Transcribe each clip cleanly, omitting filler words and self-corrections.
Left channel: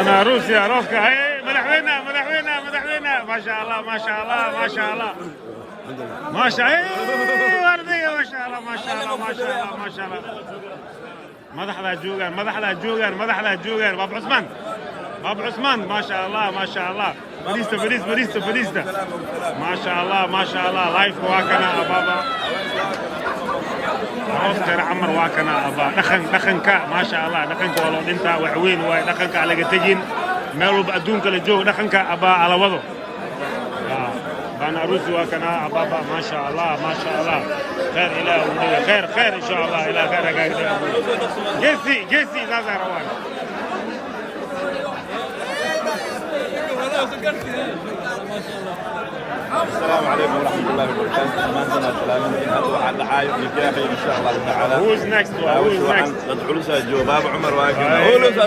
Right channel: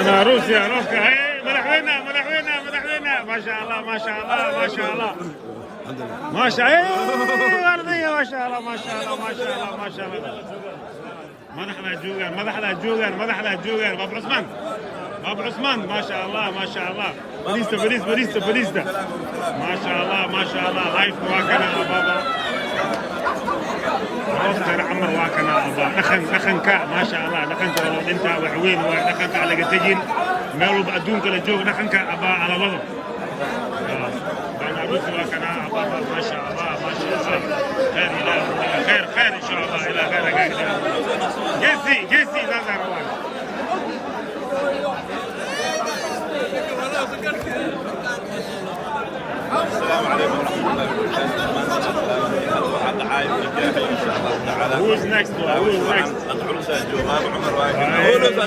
أنا روسيا روسكا هاي مدحوينا مدحوينا مدحوينا ما شاء الله ما شاء الله ما شاء الله ما شاء الله وردية ما شاء الله ما شاء الله ما شاء الله ما شاء الله مدحلا جوجان مدحلا جوجان مدحلا جوجان باب عثمان باب عثمان ما شاء الله ما شاء الله بريستا بريستا بريستا بريستا ما شاء الله ما شاء الله لايف واكنا بابا روسكا عمر واكنا أبا دخن كا ما شاء الله دخن كا ولو أنت وعوين ودخن كا على جتجين مالو بأدون كلا جوج دخن كا أبا على وضو أنا أبوك واكنا أبا ما شاء الله ما شاء الله لا إله إلا الله خير خير إن شاء الله إلى خير جيسي لا زهروان Who's next one? Who's next?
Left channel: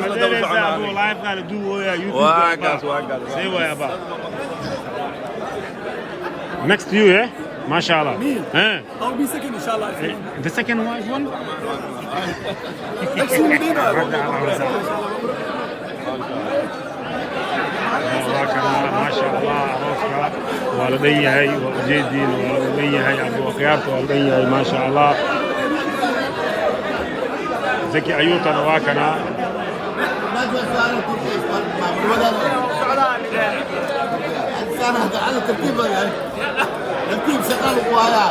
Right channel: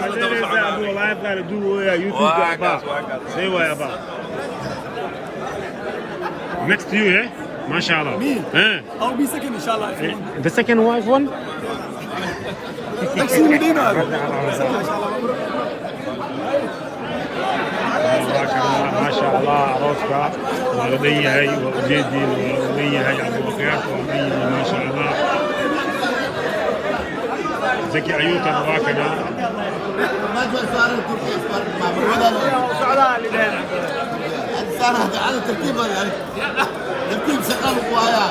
مدرسة أبو لايف قال do YouTube أبا سوى أبا. Next to you, eh? ما شاء الله. Me? I'll be second إن شاء الله. The second wife one? ما شاء الله روسكا والدي هي وجدي والدي هي ابو خيار والدي ما شاء الله زكي ايوتا واكنا ما صار مع الولد صار على ترتيب ترتيب سقال وقوايا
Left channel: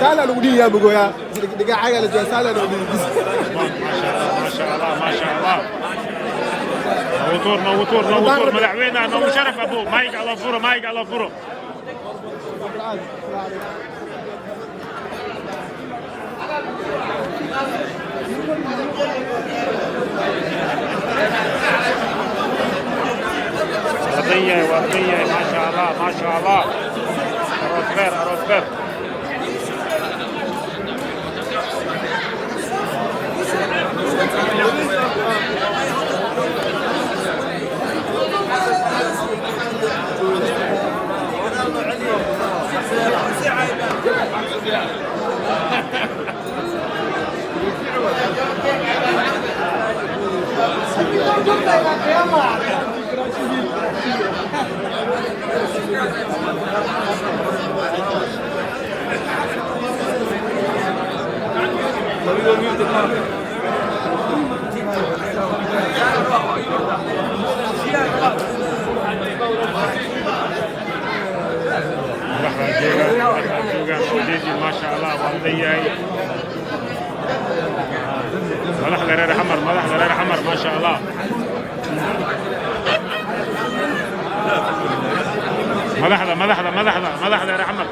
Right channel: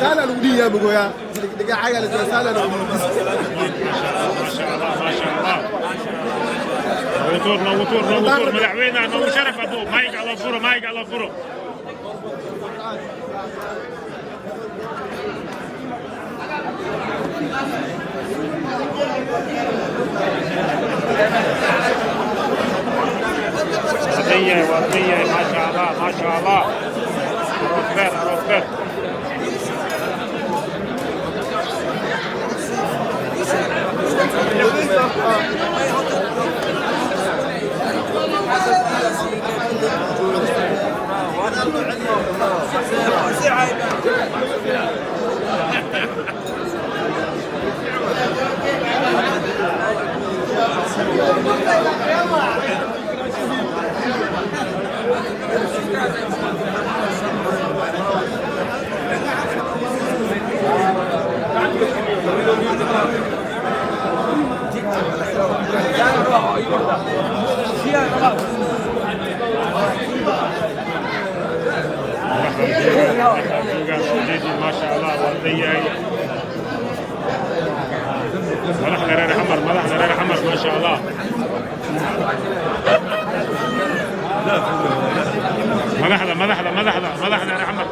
سالة الأولية بقولها دقيقة حاجة اللي سالة الأولية ما شاء الله ما شاء الله ما شاء الله نوتور نوتور نوتور مدحوينا نو شرف ابو مايك على فورو مايك على فورو وردية وردية ما شاء الله ما شاء الله أروس خير أروس خير ما شاء الله والدي ملح لرير حمر ملح لرير حمر ما شاء الله ملح لرير حمر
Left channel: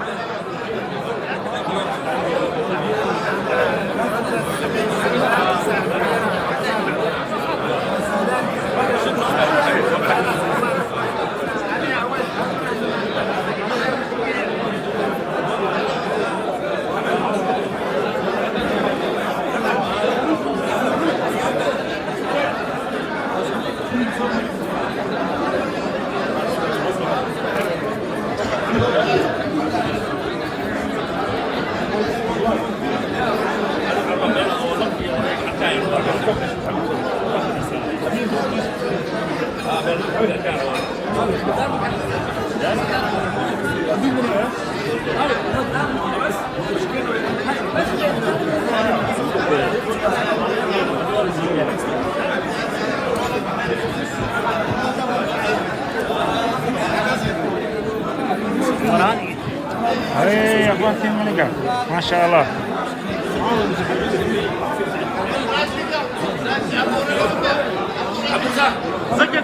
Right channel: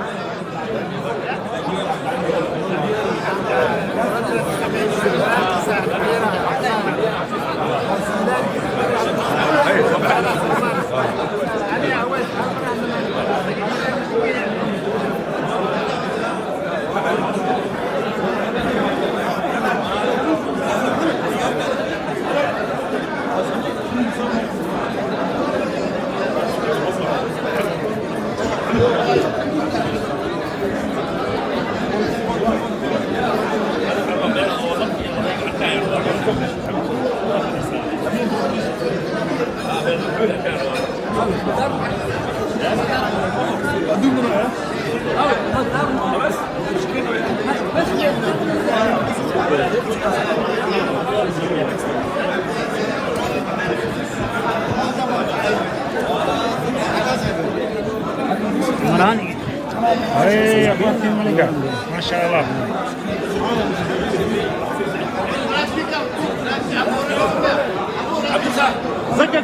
أي أخواتي الملكة ما شاء الله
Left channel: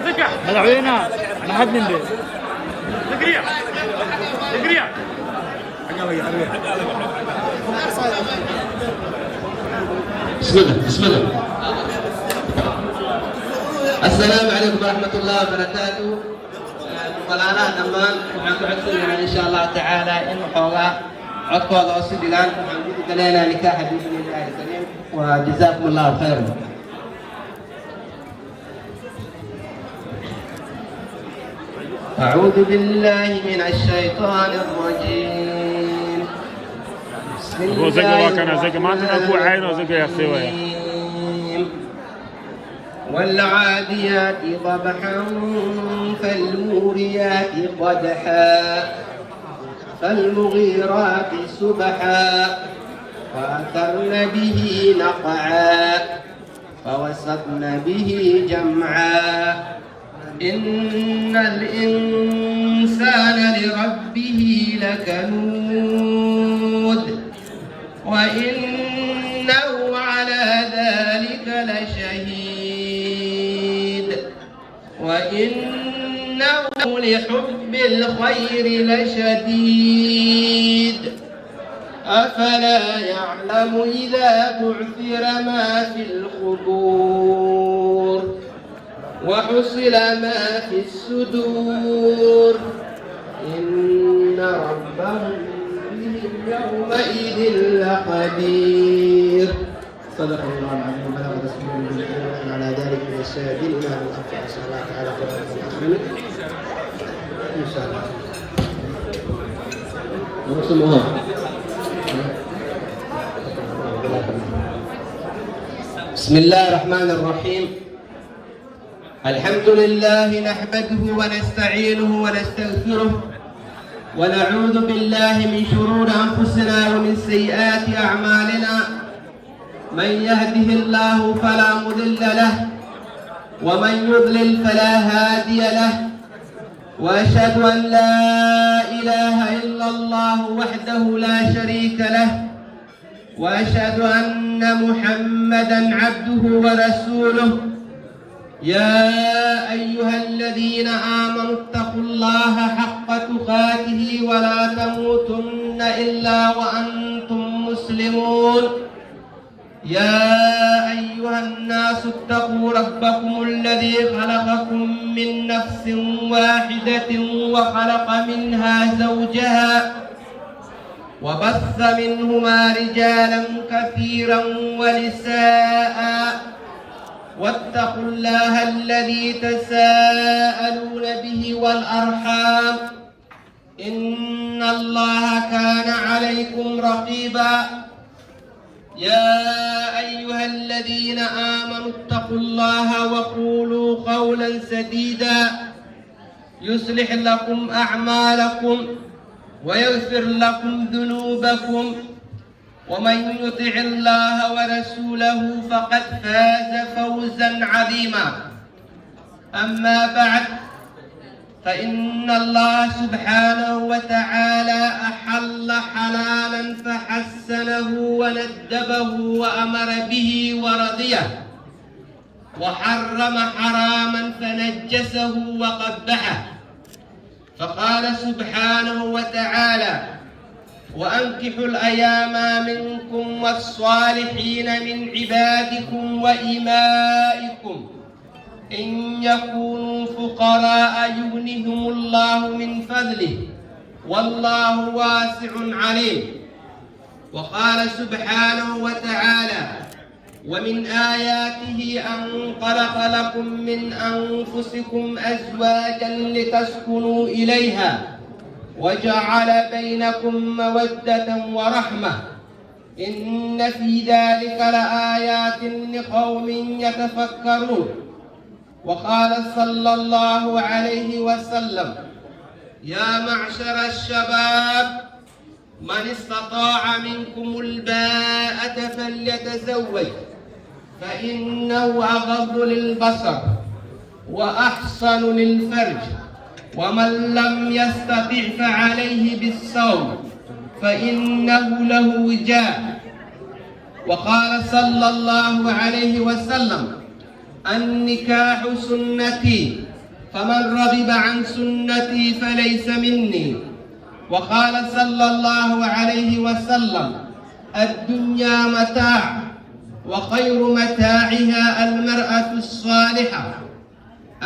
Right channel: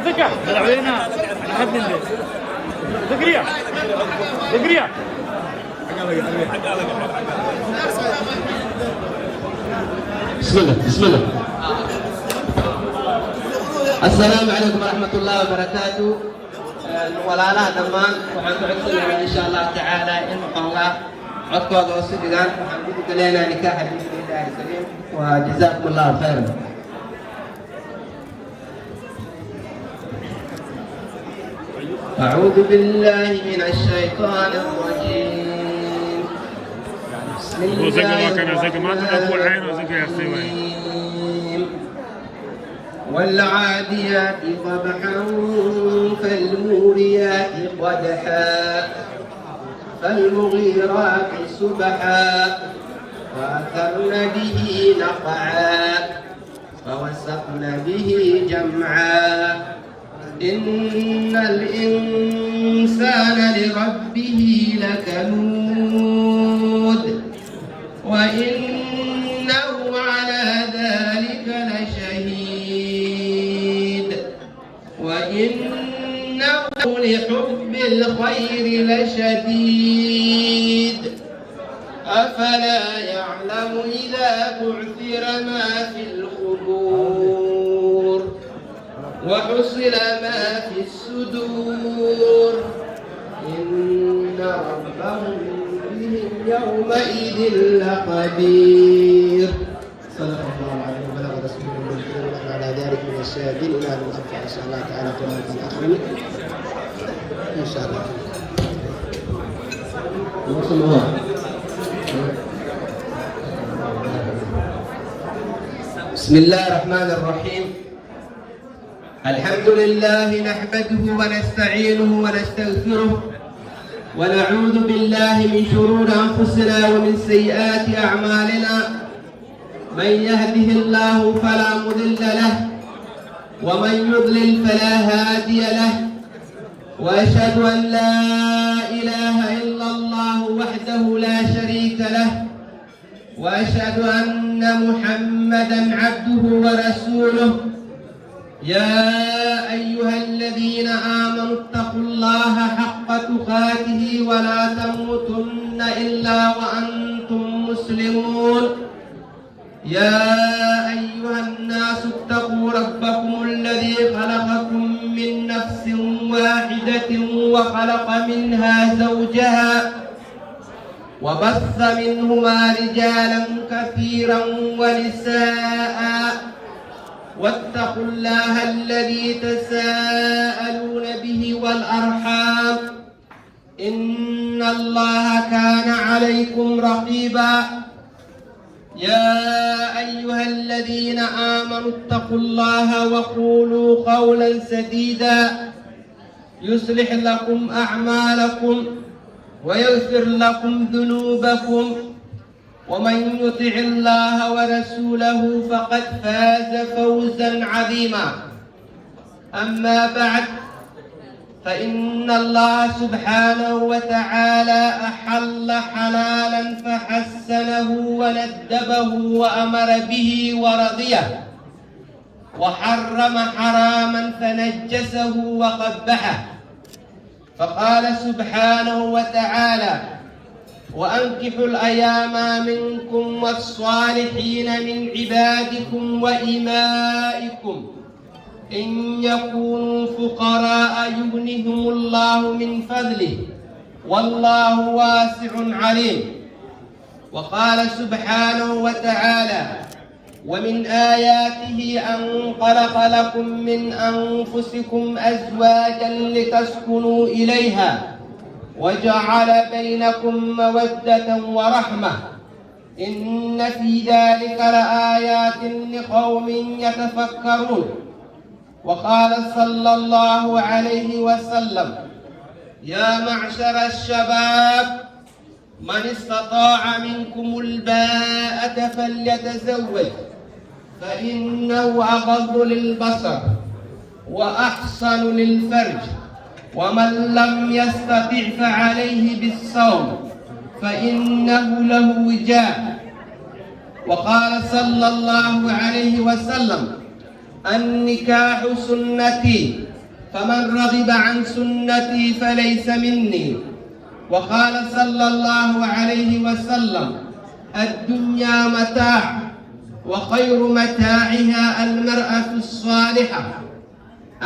زكا ملعوبينا نحب من دي زكريا بسم الله السلام عليكم ورحمة الله وبركاته. ولا دمان وحنعطينا إن شاء الله تعالى إن حوله عطوا وسيدنا وحنقول لنا نكاح بإذن الله الكريم وجزاكم الله خيرا. أعوذ بالله من الشيطان الرجيم. بسم الله الرحمن الرحيم. والعاديات ضبحا فالموريات قدحا فالمغيرات سبحا فأثرن به نقعا فوسطن به جمعا إن الإنسان لربه لكنود وإنه على ذلك لشهيد وإنه لحب الخير لشديد أفلا يعلم إذا بعثر ما في القبور وحصل ما في الصدور إن ربهم بهم يومئذ لقدير. صدق الله العظيم وبلغ رسوله النبي وعلى ذلك من الشاهدين. إلى أن نلقى إن شاء الله تعالى قرآن الآخرين إن شاء الله. بسم الله. بسم الله الرحمن الرحيم. الحمد لله نحمده ونستعينه ونستغفره ونعوذ بالله من شرور أنفسنا ومن سيئات أعمالنا. من يهده الله فلا مضل له ومن يضلل فلا هادي له وأشهد أن لا إله إلا الله وحده لا شريك له وأشهد أن محمدا عبده ورسوله. يا أيها الذين آمنوا اتقوا الله حق تقاته ولا تموتن إلا وأنتم مسلمون. يا أيها الناس اتقوا ربكم الذي خلقكم من نفس واحدة وخلق منها زوجها وبث منهما رجالا كثيرا ونساء واتقوا الله الذي تساءلون به والأرحام إن الله كان عليكم رقيبا. يا أيها الذين آمنوا اتقوا الله وقولوا قولا سديدا يصلح لكم أعمالكم ويغفر لكم ذنوبكم ومن يطع الله ورسوله فقد فاز فوزا عظيما. أما بعد فإن الله سبحانه وتعالى أحل حلالا فحسنه وندبه وأمر به ورضيه وحرم حراما فنجسه وقبحه. فقال سبحانه وتعالى وأنكحوا الأيام منكم والصالحين من عبادكم وإمائكم إن يكونوا فقراء يغنهم الله من فضله والله واسع عليم. وقال سبحانه وتعالى ومن آياته أن خلق لكم من أنفسكم أزواجا لتسكنوا إليها وجعل بينكم مودة ورحمة إن في ذلك لآيات لقوم يتفكرون. وقال صلى الله عليه وسلم يا معشر الشباب من استطاع منكم الباءة فليتزوج فإنه أغض للبصر وأحسن للفرج ومن لم يستطع فعليه بالصوم فإنه له وجاء. وقال صلى الله عليه وسلم: النكاح سنتي فمن رغب عن سنتي فليس مني. وقال صلى الله عليه وسلم: الدنيا متاع وخير متاعها المرأة الصالحة.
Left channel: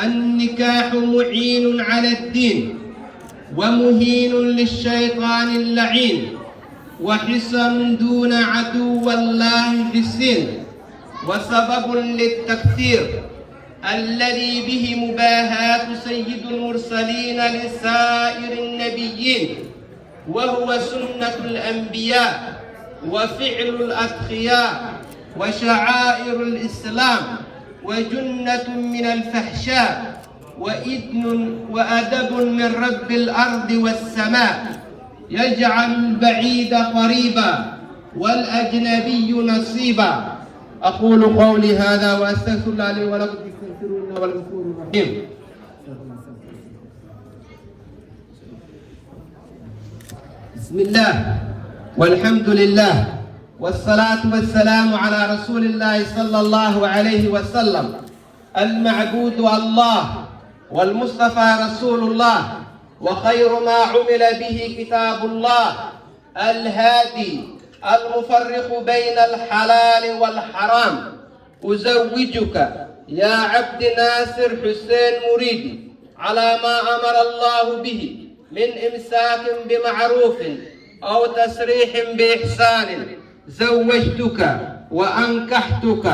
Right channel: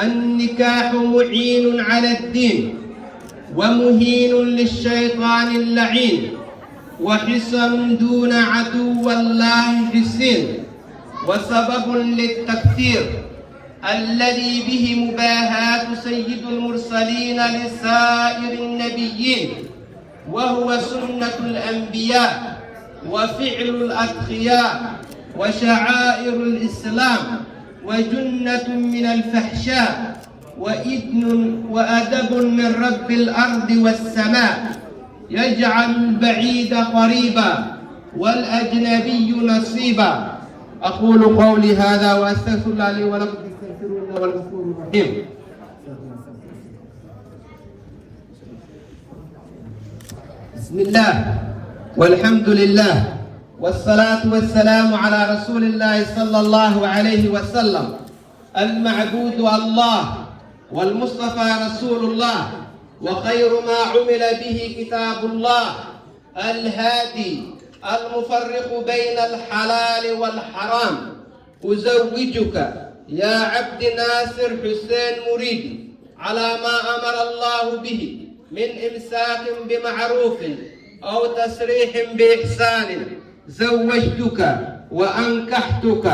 النكاح معين على الدين ومهين للشيطان اللعين، وحصن دون عدو الله في السن، وسبب للتكثير الذي به مباهاة سيد المرسلين لسائر النبيين، وهو سنة الأنبياء وفعل الأتقياء وشعائر الإسلام، وجنة من الفحشاء، وإذن وأدب من رب الأرض والسماء، يجعل البعيد قريبا والأجنبي نصيبا. أقول قولي هذا وأستغفر الله لي ولكم فاستغفروه إنه هو الغفور الرحيم. بسم الله والحمد لله والصلاة والسلام على رسول الله صلى الله عليه وسلم. المعبود الله والمصطفى رسول الله، وخير ما عمل به كتاب الله الهادي المفرق بين الحلال والحرام. أزوجك يا عبد ناصر حسين مريدي على ما أمر الله به من إمساك بمعروف أو تسريح بإحسان. زوجتك وأنكحتك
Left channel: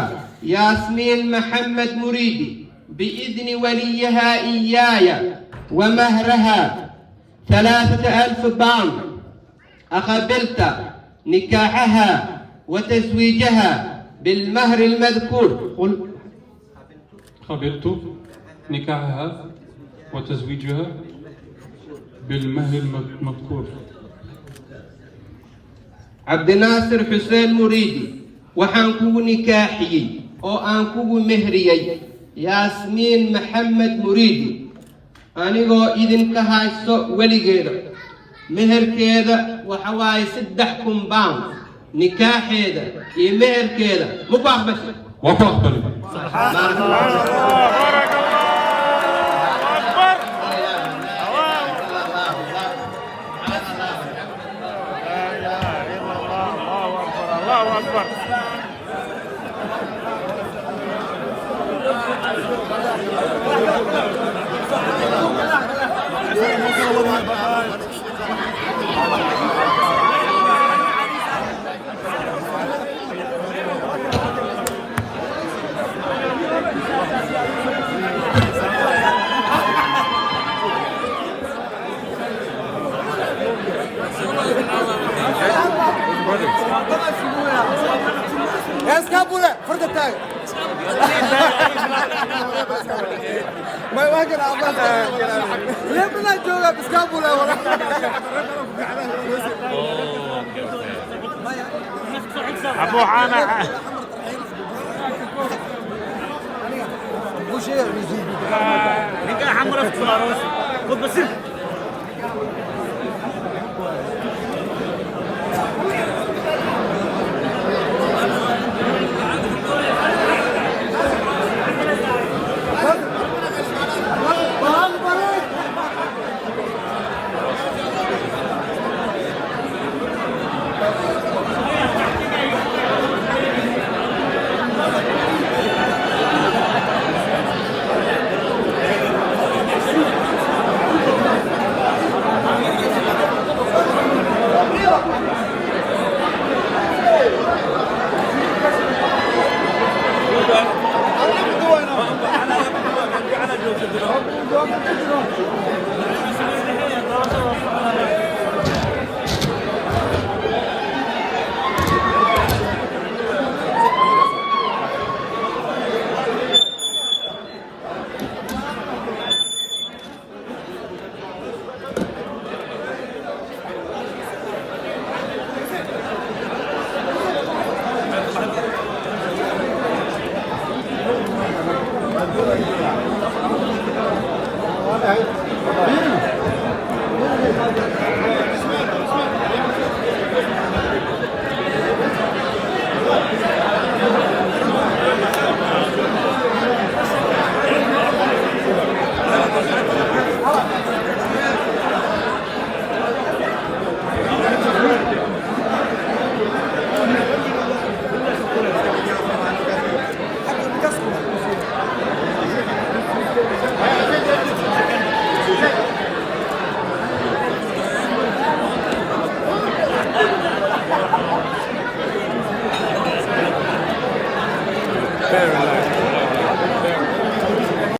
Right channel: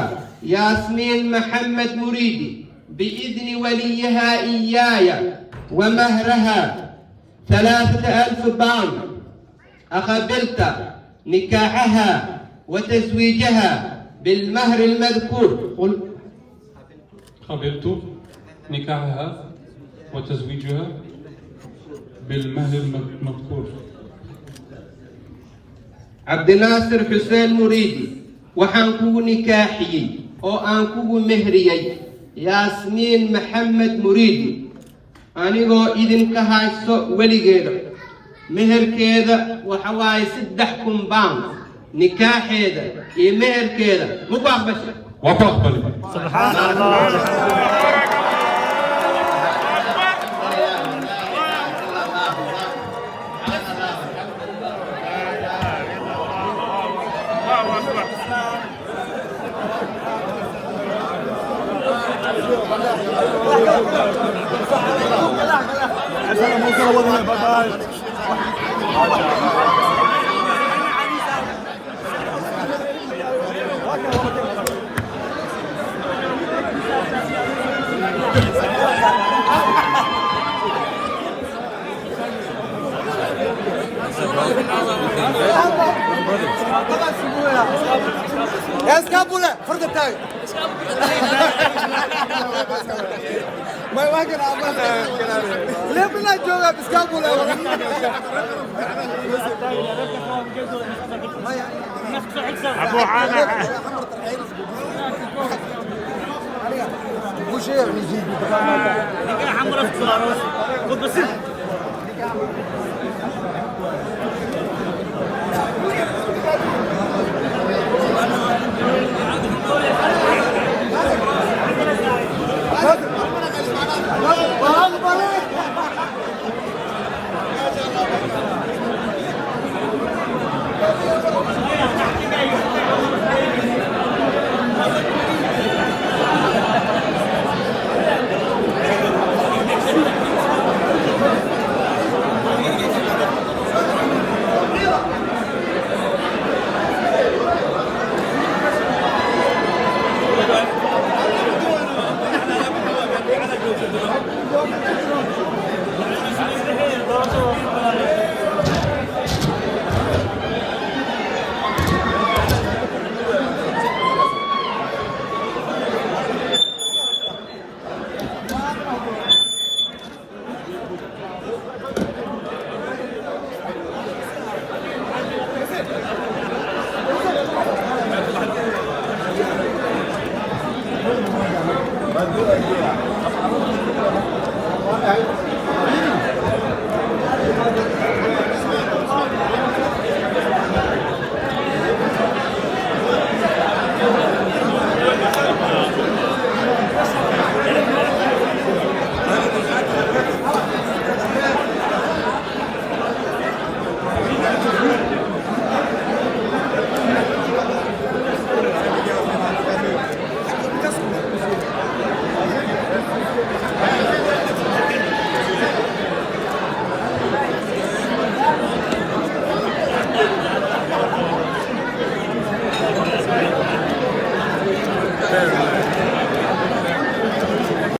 ياسمين محمد مريدي بإذن وليها إياي، ومهرها 3000 باوند. أقبلت نكاحها وتزويجها بالمهر المذكور. قبلت نكاحها وتزويجها بالمهر المذكور. عبد ناصر حسين مريدي وحنكو نكاحي أو أنكو مهريي ياسمين محمد مريدي أنيغو إذن كهايسو وليغيرو مهر كيدا وحواي 6 باوند. نكاح هذا مهر كيدا مقاق بس وقاق بلي. الله أكبر. يا اسكابولا فرد التاج ما يواجه عباس ليه بلا جوغا بسكابولا ولا أبو حانا مو شيء نجي حمرا في العروس خد بسيط